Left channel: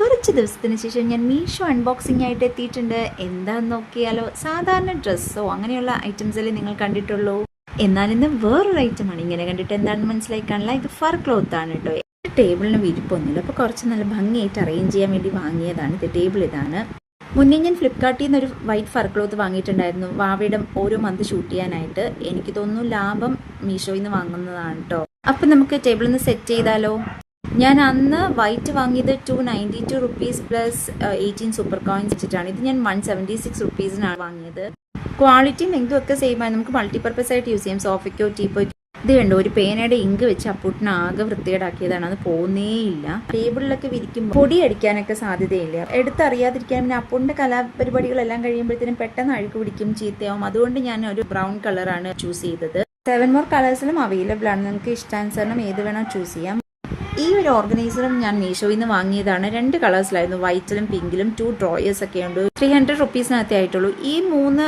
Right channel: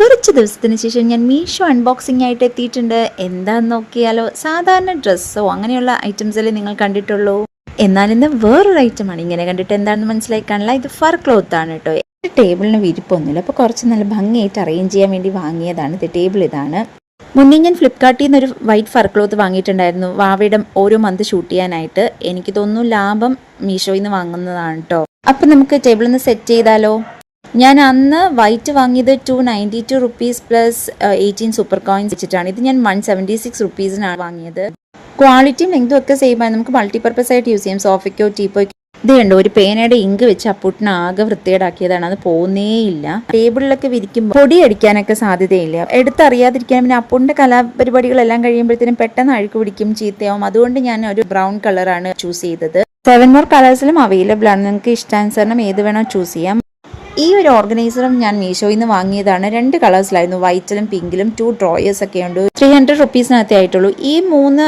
കുറച്ച് ദിവസത്തിന് ശേഷം ഞാൻ മീഷോ അൺബോക്സിംഗ് ആയിട്ട് എത്തിയിട്ടുണ്ട്. എന്താന്ന് നോക്കിയാലോ, സാധാരണ ഡ്രസ്സോ അങ്ങനെയുള്ള ഐറ്റംസല്ലേ നിങ്ങൾ കണ്ടിട്ടുള്ളൂ. എന്നാൽ ഇന്ന് വേറൊരു ഐറ്റമാണ്. ഇങ്ങനെ കണ്ടിട്ട് എന്താണെന്ന് മനസ്സിലാക്കാനുള്ള ഇത് ഫർ ക്ലോത്ത് ആണ് കേട്ടോ. ടേബിളിന് വിരിപ്പൊന്നുമില്ല, അപ്പോൾ കുറച്ച് നല്ല ഭംഗിയായിട്ട് അറേഞ്ച് ചെയ്യാൻ വേണ്ടി വാങ്ങിയതാണ്. ഇത് ടേബിൾ ഇതാണ്. മുന്നേ ഞാൻ ഫ്ലിപ്കാർട്ടിൽ നിന്ന് ഒരു വൈറ്റ് ഫർ ക്ലോത്ത് വാങ്ങിയിട്ടുണ്ടായിരുന്നു വാവയുടെ ഓരോ മന്ത് ഷൂട്ട് ചെയ്യാനായിട്ട്. എനിക്ക് തോന്നുന്നു ലാഭം മീഷോയിൽ നിന്ന് വാങ്ങുന്നതാണ് കേട്ടോ. അപ്പം നമുക്ക് ടേബിളിൽ നിന്ന് സെറ്റ് ചെയ്താലോ. ഞാൻ അന്ന് വൈറ്റ് വാങ്ങിയത് 292 റുപ്പീസ് പ്ലസ് 18 സൂപ്പർ കോയിൻസ് വെച്ചിട്ടാണ്. ഇത് ഞാൻ 176 റുപ്പീസിനാണ് വാങ്ങിയത്. ക്വാളിറ്റിയും ലെങ്തും ഒക്കെ സെയിം ആയി. നമുക്ക് മൾട്ടിപർപ്പസ് ആയിട്ട് യൂസ് ചെയ്യാം. സോഫയ്ക്കോ ടീപ്പോയ്ക്കോ. ഇത് കണ്ടോ, ഒരു പേനയുടെ ഇങ്ക് വെച്ച് അപ്പൂട്ടിന് ആകെ വൃത്തികേടാക്കിയതാണ്. അത് പോകുന്നേയില്ല. ടേബിളിലൊക്കെ വിരിക്കുമ്പോൾ പൊടി അടിക്കാനൊക്കെ സാധ്യതയില്ല. എടുത്തറിയാതിരിക്കാൻ. പിന്നെ അപ്പൂട്ടിൻ്റെ കലാപരിപാടികളെല്ലാം കഴിയുമ്പോഴത്തേനും പെട്ടെന്ന് അഴുക്ക് പിടിക്കും, ചീത്തയാവും. അതുകൊണ്ട് ഞാൻ ഒരു ബ്രൗൺ കളറാണ് ചൂസ് ചെയ്തത്. 7 more കളേഴ്സിലും അവൈലബിൾ ആണ്. നിങ്ങൾക്ക് ഇഷ്ടാനുസരണം ഏത് വേണോ ചൂസ് ചെയ്യാം. ഈ ഒരു ഓർഗനൈസറും ഞാൻ മീഷോയിൽ നിന്ന് വാങ്ങിയതാണ്. 2 കളേഴ്സിലായിരുന്നു, വൈറ്റിലും പിങ്കിലും. 2 ഡ്രോയേഴ്സ് ഒക്കെ ഉണ്ട്. 300 റുപ്പീസിനകത്തേ ആയിട്ടുള്ളൂ. ഈ 3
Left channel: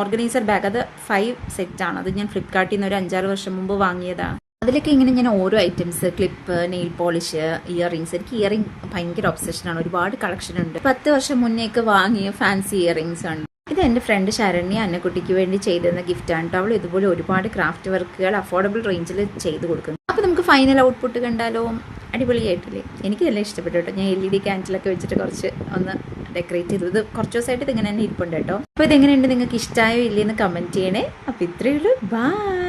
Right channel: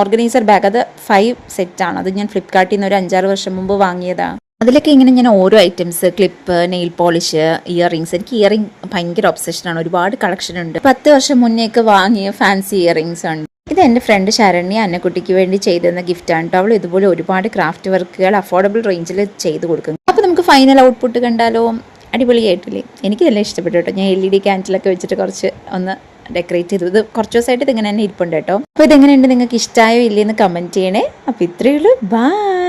ഓർഗനൈസർ ബാഗ് അത് 5 സെറ്റാണ്. അത് ഞാൻ ഫ്ലിപ്കാർട്ടിൽ നിന്ന് ഒരു 5-6 വർഷം മുമ്പ് വാങ്ങിയതാണ്. അതിലൊക്കെ ഇങ്ങനെ ഞാൻ ഓരോ items, clip, nail polish, earrings. എനിക്ക് ഇയറിംഗ് ഭയങ്കര ഒബ്സഷനാണ്. ഒരുപാട് കളക്ഷൻ ഉണ്ട്. 10 വർഷം മുന്നേക്ക് വാങ്ങിയ ഫാൻസി ഇയറിങ്സ് ആണ്. ഇത് എൻ്റെ ഫ്രണ്ട് ശരണ്യ അന്നക്കുട്ടിക്ക് വേണ്ടി ചെയ്തെന്ന ഗിഫ്റ്റാണ് കേട്ടോ. അവൾ ഇതുപോലെ ഒരുപാട് ക്രാഫ്റ്റ് വർക്കുകൾ അഫോർഡബിൾ റേഞ്ചിൽ ചെയ്ത് കൊടുക്കും. അപ്പോൾ നമുക്ക് ഫൈനൽ ഔട്ട്പുട്ട് കണ്ടാലോ. അടിപൊളിയായിട്ടില്ലേ? എനിക്കിതെല്ലാം ഇഷ്ടപ്പെട്ടു കേട്ടോ. ഞാൻ LED ക്യാൻഡിലൊക്കെ വെച്ചിട്ട് കുറച്ച് ഒന്ന് ഡെക്കറേറ്റ് ചെയ്തു. ഇത് കുറച്ച് ദിവസമായിട്ട് ഇതിങ്ങനെ തന്നെ ഇരിപ്പുണ്ട് കേട്ടോ. അപ്പോൾ ഇതെങ്ങനെയുണ്ട്, നിങ്ങൾക്ക് ഇഷ്ടമായോ ഇല്ലയെന്ന് കമൻറ്റ് ചെയ്യണേ. അപ്പോൾ ഇത്രയേ ഉള്ളൂ. ബൈ.